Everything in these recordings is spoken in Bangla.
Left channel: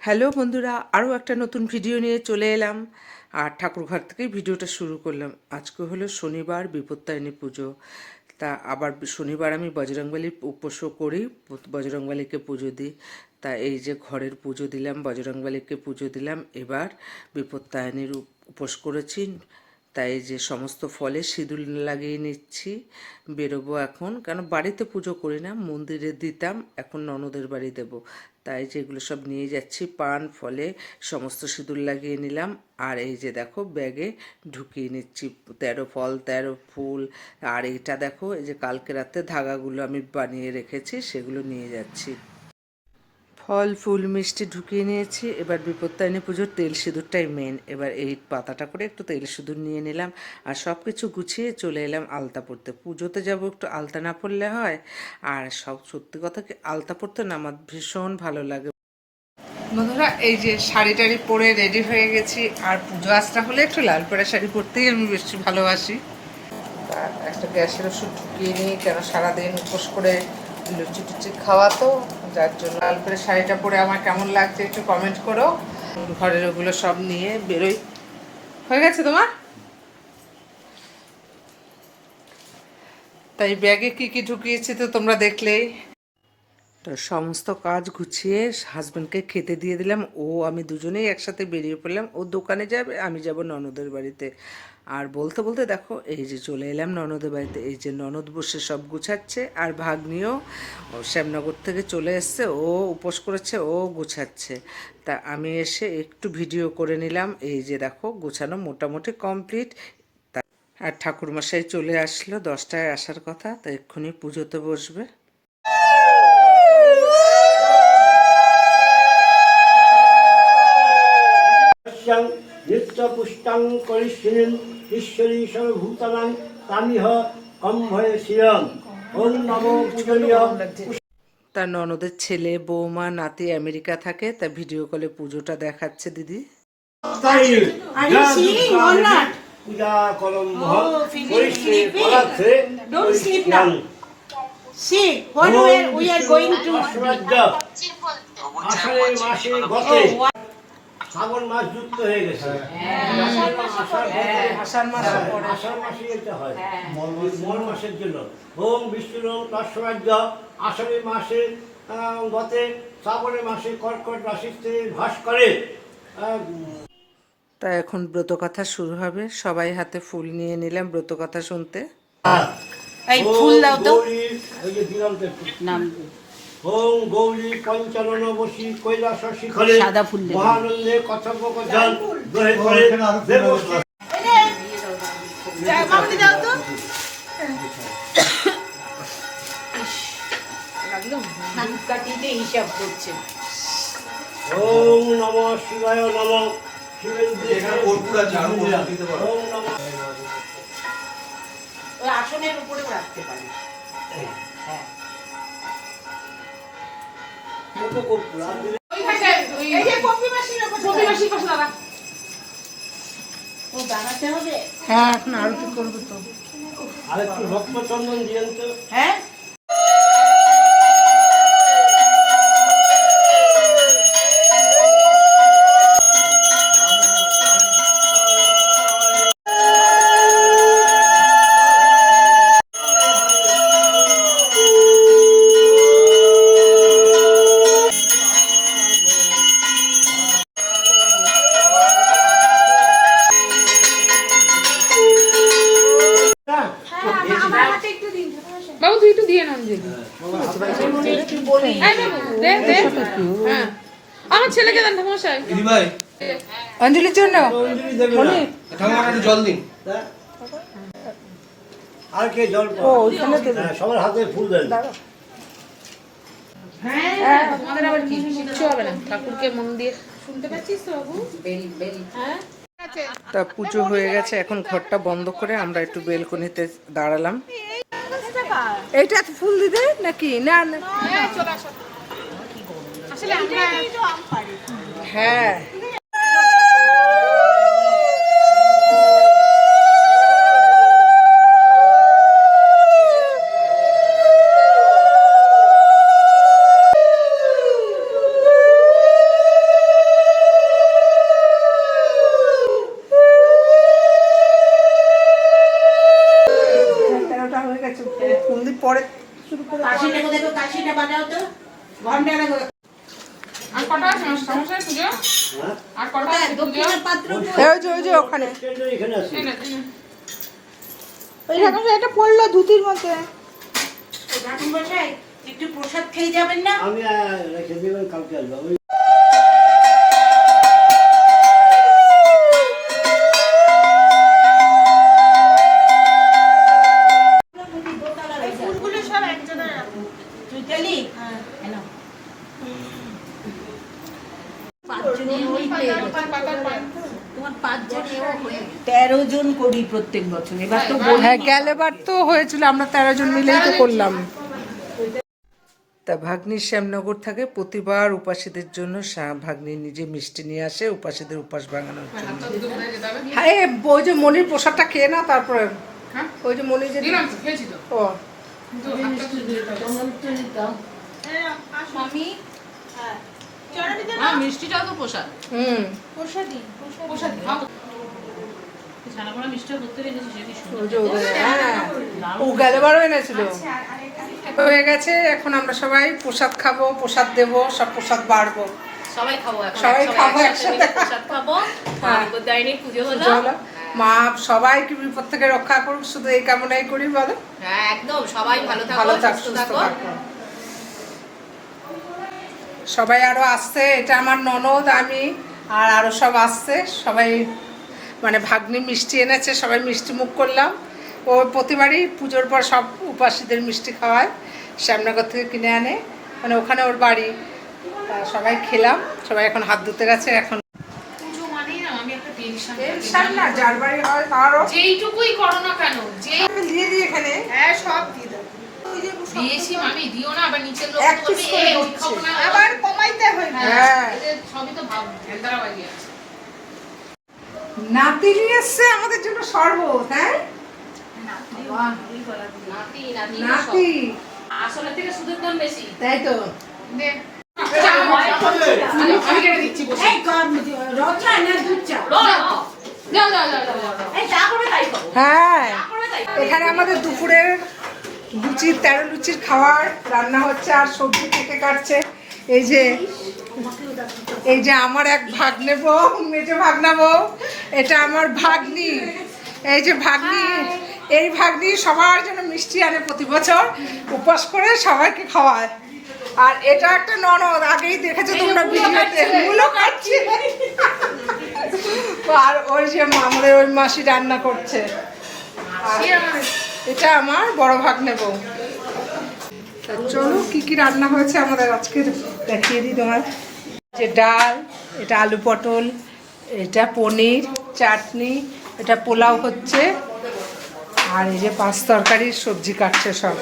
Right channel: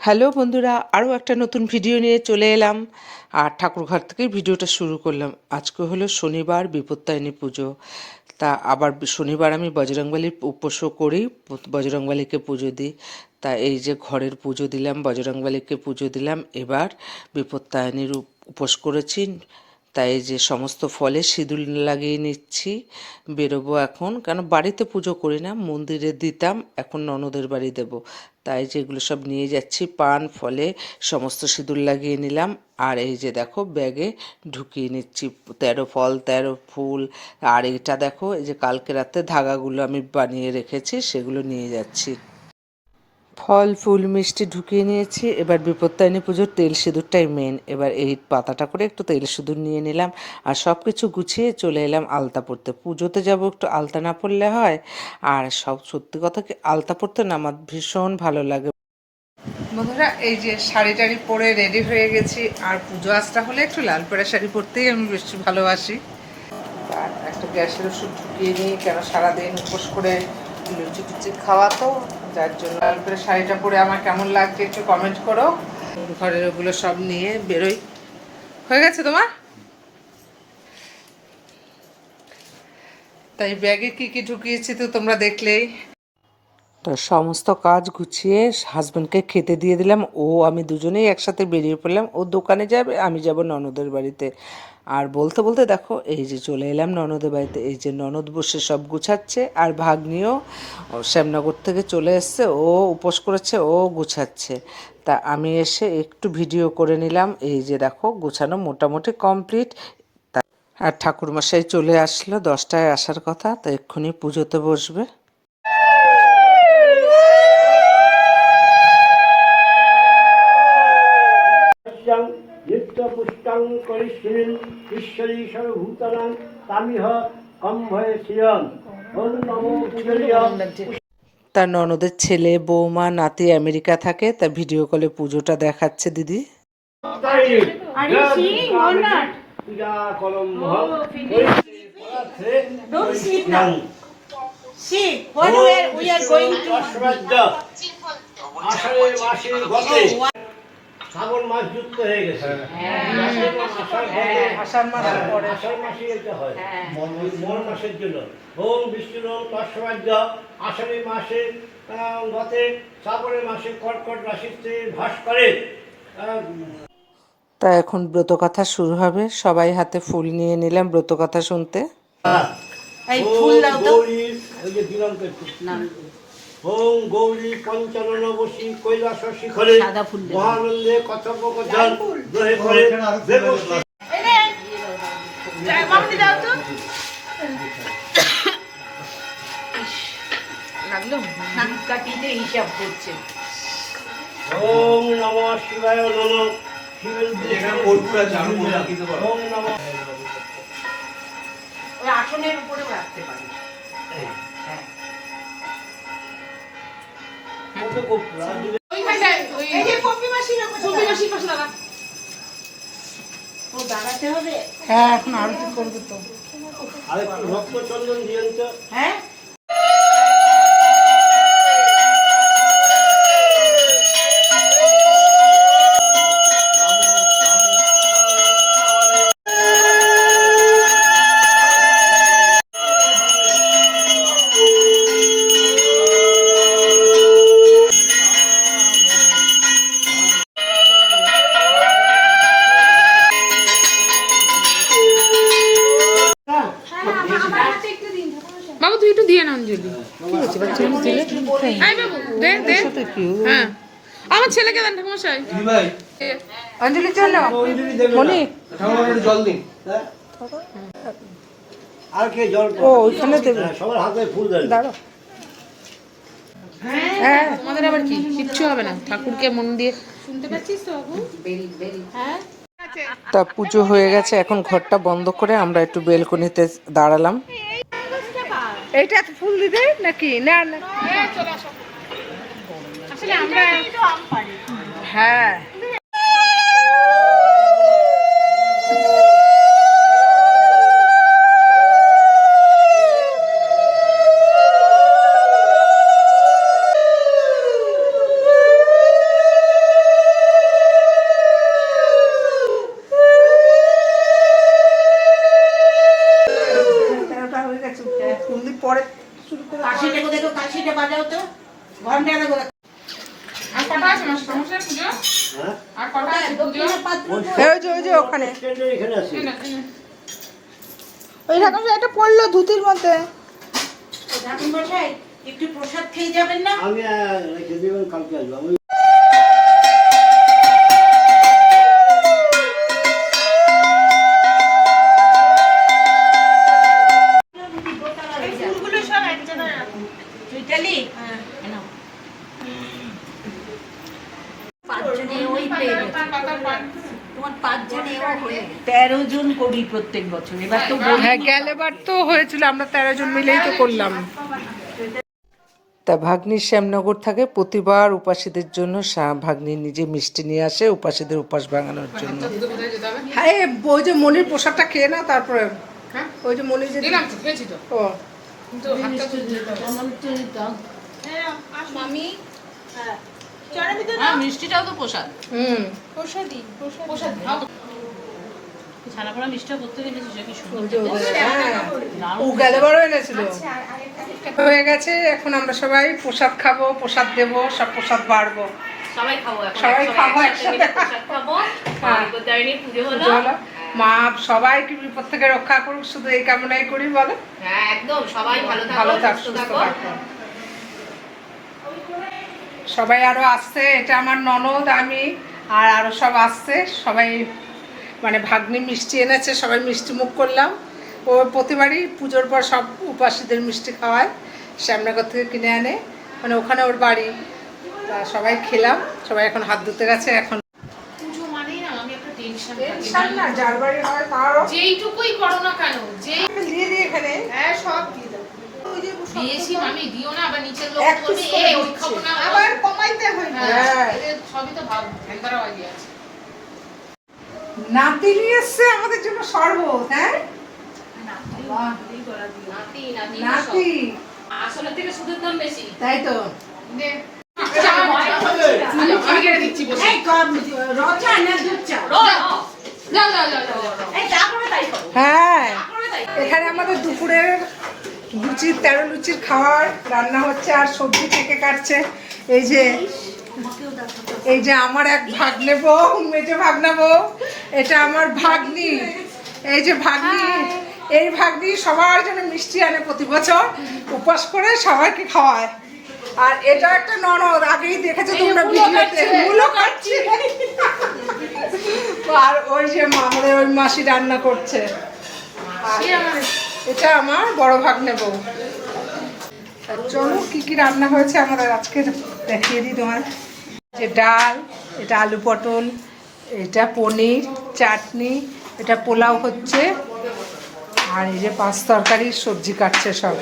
হ্যালো বন্ধুরা, আরও একটা নতুন ভিডিও নিয়ে চলে এলাম। আর ঠাকুরঘর থেকেই ভিডিওটা শুরু করলাম। আজকে হলো শনিবার, বিপত্তারিণী পুজো। তা আবার শনিবার আমি বজরংবলীর উপোসও করি, বজরংবলীকে পুজো দিই। তা এই যে ঘরের পুজো দিলাম, বজরংবলীকে পুজো দিলাম, এবার বিপত্তারিণীর উপোস করেছি। তাই যে সমস্ত ফলে সিঁদুর লাগিয়ে নিচ্ছি, বেরোবো এখন। কেন বাড়িতে পুজো করি না, মন্দিরে দিতাম, এখন ননদের বাড়ি দেব। তাই যেগুলো সব নিয়ে যাচ্ছি, পান ফলে সমস্ত সিঁদুর লাগিয়ে নিলাম। আর এই যে দেখো ব্যাগে ঢুকিয়ে নিচ্ছি 13 ফল 13 ফুল। আর এটা দেখো, এই যে কালকে রাতে ধাগাগুলো আমি বানিয়ে রেখেছি, সেগুলো নিয়ে যাচ্ছি। ফল ফুল মিষ্টি ঢুকিয়ে নিয়েছি। এবার বিপত্তারিণী পুজোর তেল সিঁদুরটাই মেন। এবার এই পাতাটা করে একটু তেল সিঁদুর নিয়ে নিলাম, আর সব কিছু গুছিয়ে চলে এলাম আলতা পরতে। পুজোতে যাব, একটু আলতা না পরলে হয়? আর সব সত্যি কথা কি, আলতা পরতে না আমার ভীষণ ভালো লাগে। বন্ধুরা, এই যে শাড়ি টাড়ি পরে রেডি হয়ে গেছি। আর পুজো আসটা হলে একটু লাল পাড়া শাড়ি পরতেই আমি বেশি ভালোবাসি। আর একটা গ্যাসের ওষুধ ঢুকিয়ে নিই, কেন সারাদিন উপোস করে লুচি টুচি খাওয়া, তো যার জন্য লাল করে শাড়িটা পরে আমার কেমন লাগছে একটু কমেন্ট করো। ঘরের ওগুলো সব নিয়ে বেরোই। হয়ে গেছে তোমার? তাই ব্যাগে কি কি ঢুকিয়েছি তো তোমরা দেখলেই। তো সমস্ত কাজ গুছিয়ে হাজব্যান্ডকে খেতে দিয়ে দিলাম। আমি দুজনেই একসাথে বেরিয়ে পড়লাম। ও দোকানে যাবে, আমি যাব ননদের বাড়িতে। আর বলতে বলতে দেখো, এই যে চলে এলাম ননদের বাড়িতে। এই যে ননদ বসে সব গুছাচ্ছে, আর ভাগ্নিও শ্যামনগর থেকে চলে এসছে, ও উপোস করেছে, ও গুছাচ্ছে। তা আমি এসে একটু ভিডিও করে নিলাম। এই যে দেখো, গুছানো মোটামুটি কমপ্লিট। আর ঠাকুরমশাই চলে আসলো, 10টায় আসার কথা, তা এক্ষুনি পুজোতে বসবে। নিত্যপুষ্টং করিষ্যিনীং ঈশ্বরী সর্বভূতানাং তামিহ কম্ভয়ে শ্রিয়ং ওম নমো পূজনীয়। তার ননদের ছেলে বৌমা নাতি আমেরিকা থাকে, তা ভিডিও কলে পুজোটা দেখাচ্ছে দিদি। পূজা করম আষাঢ়ের মাসে গতে শ্রাবণ মাস যুক্ত হয়ে গেছে। আষাঢ় মাসে পড়ে, আষাঢ় মাসে এটা হয় মন মাসের জন্য। ওম বিষ্ণুর তস্মাদ্য আষাঢ়ের মাসে গতে শ্রাবণের মাসে কর্কট রাশিতে ভাস করে। তা এখন ব্রতকথা শুরু হবে। সবাই হাতে ফুল নিয়ে নিলাম ব্রতকথা শুনতে। ওম গৌরী পঞ্চানন বসী কৈলাস শিখরে মহানন্দে কথোপকথন গ্রহে করে দেবশ্রী। ওম নমঃ শিবায় নমঃ। শিবের উদ্দেশ্যে ওম নমঃ। ওই আসনের উপরে রাখতে পারি। হ্যাঁ, হ্যাঁ, এখন আরতি করবো তো। আরেকটু রক্ত চন্দন দিয়েন তো। হ্যাঁ, বাবু তুই একটু দিয়ে না অঞ্জলি। আয় বাবু, দে দে। হ্যাঁ, আমার ছেলেকে দেন ঠাকুমশাই। অঞ্জলির জন্য জল দিন। আর কে জল? ওইখানে দেবে। সবার হাতে ফুল দেন। হ্যাঁ, তোমাদের আবার কি কিচ্ছু হবে না, ঠাকুরকে মন দিয়ে শুনতে পাচ্ছিস তো বাবু? বেল বেল। হ্যাঁ, তা পুজো হয়ে গেছে, এখন ঘরটা বন্ধ করে আমরা একটু বেলকনিতে দাঁড়ালাম। এইটা ফুল দিবে নাকি? না না, আসলে আমরা হ্যাঁ, কাশিটা বাজাও তো ঘন্টা আর কটা আছে মাস্টারমশাই পুজো? হ্যাঁ আর কটা আছে পুজো? ওই যে ওখানে স্ট্যান্ডার এখানে আছে ওই রকম একটা পড়লো ধুতির মধ্যে একটু প্রসাদ খেয়ে যাবেন না? আমি রেখে দেবেন, কালকে আসবো আমি। চৈতালি হ্যাঁ 13 জন করি প্রত্যেক বছর, এবার তো হ্যাঁ গেলেবার তো হয়েছিল, আমরা 13 জন মিলেই তো করলাম। তা ভাগ্নির শ্যামনগর থাকে, প্রতিবার উপাসীদের জন্য ভাগ্নি নিজে মিষ্টি নিয়ে আসে উপাসীদের উপাস ভাঙানোর জন্য। হ্যাঁ ওই যে মনির প্রসাদটা খেয়ে না, তারপরে ওই যে মনির যে দিলাম তো, খেয়েছি তো। ও কিন্তু হাতটা তো মিষ্টিটাও তো প্রসাদ। প্রসাদ খাও। ছানা পোড়া মিষ্টিও করতে দিয়েছি, সে কি সুন্দর। হ্যাঁ ও গেলেবারও এনেছিল। হয়ে গেছে, এখন আমরা সবাই প্রসাদ খাবো, প্রসাদ দেবো, সব প্রসাদ বাড়বো, সবাই খাবো এখন, সবাই খাবো একসাথে মিলে প্রসাদ খাবো। হ্যাঁ। বিপত্তারিণীর পুজো হলো। পুজো হলো। মা সবাইকে বিপদ থেকে রক্ষা করুক, শুধু এই কামনাই করি বলে। হ্যাঁ একদম, সবাই ভালো থাকো, ভালো থাক, সুস্থ সুস্থ থাকো। থাকো। সবাই আরো আসছে, এটা আমার ননদ, আমি আর আরো সব আসছে, সবাই মানে ভাগ্নি মিষ্টি এনেছে, সবাই মিষ্টি মুখ করলাম। ও প্রতিবারই পুজোর পর সব উপাসীদের মিষ্টি খাওয়ায়, শ্যামনগর থেকে কিনে আনে, মানে ওখানে ওর বাড়ি। তা সবাই খেলাম, সবাই এখন হাত ধুতে গেছে। এখন পুজো মানেই না আমি একটা টেনশন না, যার বাড়ি হয় তারও যেইটুকুই করো না কেন, যে দিয়ে দিই এখানে। হ্যাঁ সব দিয়ে দাও, দিয়েছি মানে দিও না, আবার নিচের লোক এক piece বলবে করে এই ওই দিচ্ছি। খাবো না। আবার কমাইতে হয় না। হ্যাঁ। এদের সবই তো ভাব ভেন্দারা বাজি আছে। নাতি নিয়ে এসছে আমাদের জন্য শরবত। হ্যাঁ নাতি, নাতি, নাতি, আসলের থেকে সুদের দাম বেশি। তাই তো। দে। আমি কেটে দিচ্ছি বসে। এই রচা না দুধ চা? যাও যাও যাও যাও যাও। এই যা করবে তাই করো। হ্যাঁ এখানে আমাদের দুপুরের লুচির 13 লুচির খাবার রান্না হচ্ছে, আর সবজি থেকে কাটছে। এই যে আমার এক ভাগ্নে বউ, মেজো ভাগনা বউ, এটা আমার ভাগ্নি। এই যে ভাগ্নি, এই ভাগ্নি সবার জন্য মিষ্টি আনে প্রতি বছর, উপোস করে সবাইকে খাওয়ায়। আর এটা একটা ননদ, আগেই দেখেছো তোমরা ভিডিওতে, মূলো কাটছি। আর ওই যে মামরে ওই মাসি রান্না করছে। আর এটা আমার বড় ভাগ্নে বউ। তা চলো কি কি রান্না হয়েছে আমাদের আজকে দেখিয়ে দিই তোমার। যে ডাল, এটা আলু পটল, এটা পনির, চাটনি, এটা পোলাও হচ্ছে, আর এই যে 5 তরকারির সবজি কাটছে সব।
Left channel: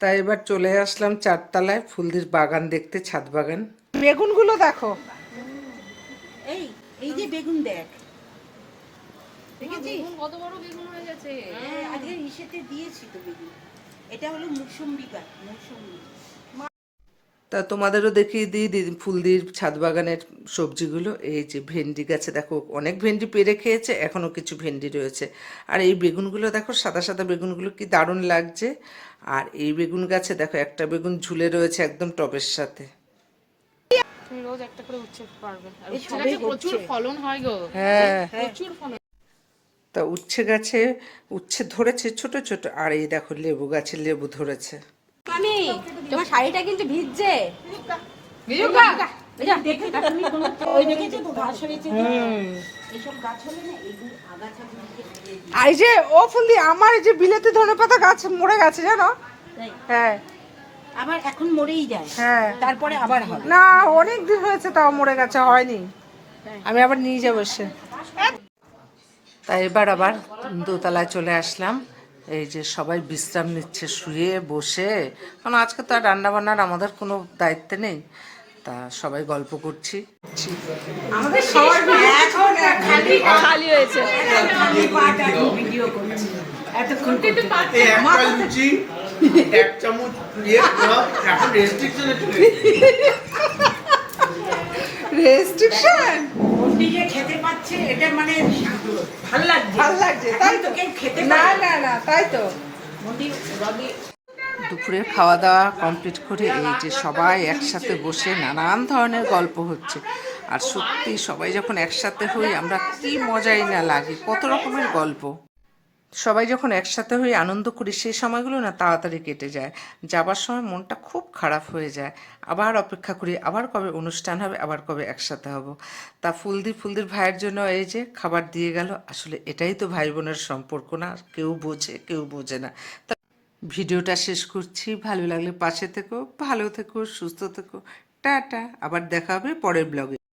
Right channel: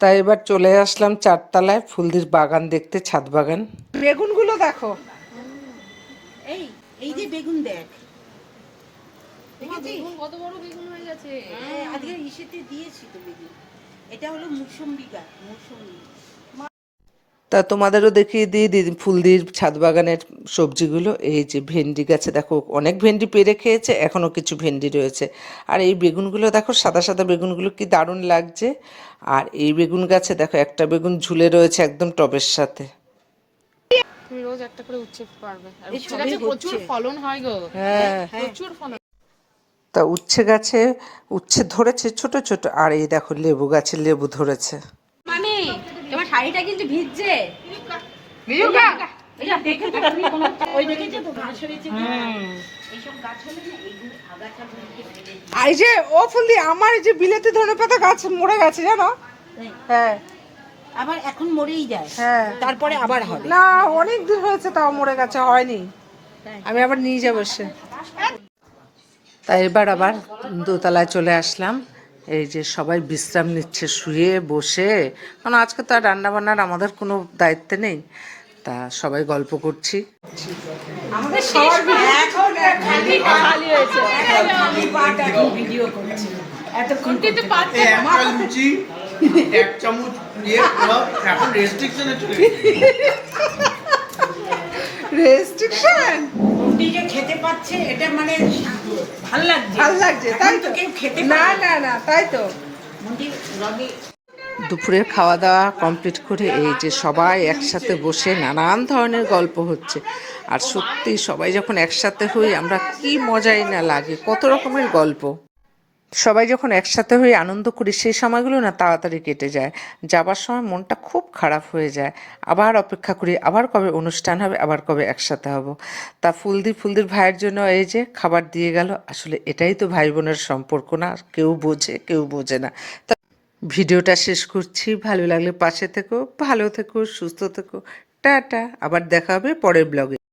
তাই এবার চলে আসলাম 4 তলায় ফুলদির বাগান দেখতে, ছাদ বাগান। বেগুনগুলো দেখো, এই যে বেগুন দেখ, বেগুন কত বড় বেগুন হয়ে গেছে। হ্যাঁ আজকে ইসেতে দিয়েছি তো বেগুন। এটা হলো মুসম্বি গাছ, মুসম্বি। তা তোমাদেরও দেখিয়ে দিই ফুলদির ছাদ বাগানের সবজিগুলো। এই যে ভেন্ডি গাছে দেখো, অনেক ভেন্ডি পেরে খেয়েছে, এখনও কিছু ভেন্ডি রয়েছে। আর এই বেগুনগুলো দেখো, সাদা সাদা বেগুনগুলো কি দারুণ লাগছে। আর এই বেগুন গাছে দেখো একটা বেগুন ঝুলে রয়েছে একদম টবের সাথে। তুমি রোজ একটা করে উচ্ছে পারবে, আর উচ্ছে গাছে প্রচুর ফলন হয় গো। হ্যাঁ প্রচুর ফলন। তা উচ্ছে গাছে উচ্ছে ধরেছে ছোট ছোট, আর এই দেখো লেবু গাছে লেবু ধরেছে। মানে তোমার শাড়িটা কিন্তু ভিজছে। ভিজুকা এটা দেখে তো তুমি কোনো ওই দেখেছো তো ঘাস হয়েছে যে এইসব গাছ হলে না এগুলো আগাছা এই যে ও ফুলদি, আমার এই যে বিলেতি ধনেপাতা গাছ মরে গেছে জানো। হ্যাঁ আবার এখন মরেই যায়, হ্যাঁ তারপরে আবার হবে। না, অনেক দিন হয়েছে তাও মরে গেছে, হয়নি। আমি আবার নিয়ে যাবো সে। তাই এবার আবার দোতলায় চলে আসলাম। এই যে সবাই বিশ্রাম নিচ্ছে শুয়ে বসে, কারণ আজকে তো আর রান্নাবান্নার আমাদের কোনো দায়িত্ব নেই। তা সবাই গল্প করছি। আমাদের সবার খালি হয়েছে। ভিডিও করছি কিন্তু পাচ্ছে লুচি 1 চামচ দিয়ে পোলাও এখন রেস্ট্রিকশনে চলে রেস্ট্রিকশন নিজে খেতে পাচ্ছে, এটা মানে ভাল লাগছে, ভাল লাগছে, তাই তো। কেউ খেতে না না না, তাই তো। দুপুরের খাওয়া দাওয়া কমপ্লিট করে এই যে সবাই একসাথে বসে নানান ধরনের গল্প হচ্ছে। আর সত্যি সবাই যখন একসাথে হই আমরা কি মজাই না লাগে, কত রকমের গল্প। সবাই যখন একসাথে হয়ে আনন্দ করি সেই সময়গুলো না তাড়াতাড়ি কেটে যায়। যাবার সময় মনটা খুব খারাপ হয়ে যায়, আবার অপেক্ষা করি আবার কবে অনুষ্ঠান হবে, আবার কবে একসাথে হব। তা ফুলদির ভাইয়ের জন্য এই যে খাবার দিয়ে গেল। আসলে এটাই তো ভাই বোনের সম্পর্ক, না কেউ বোঝে কেউ বোঝে না। তা ভিডিওটা শেষ করছি, ভালো লাগলে পাশে থেকো, ভালো থেকো, সুস্থ থেকো, টাটা। আবার দেখা হবে পরের ব্লগে।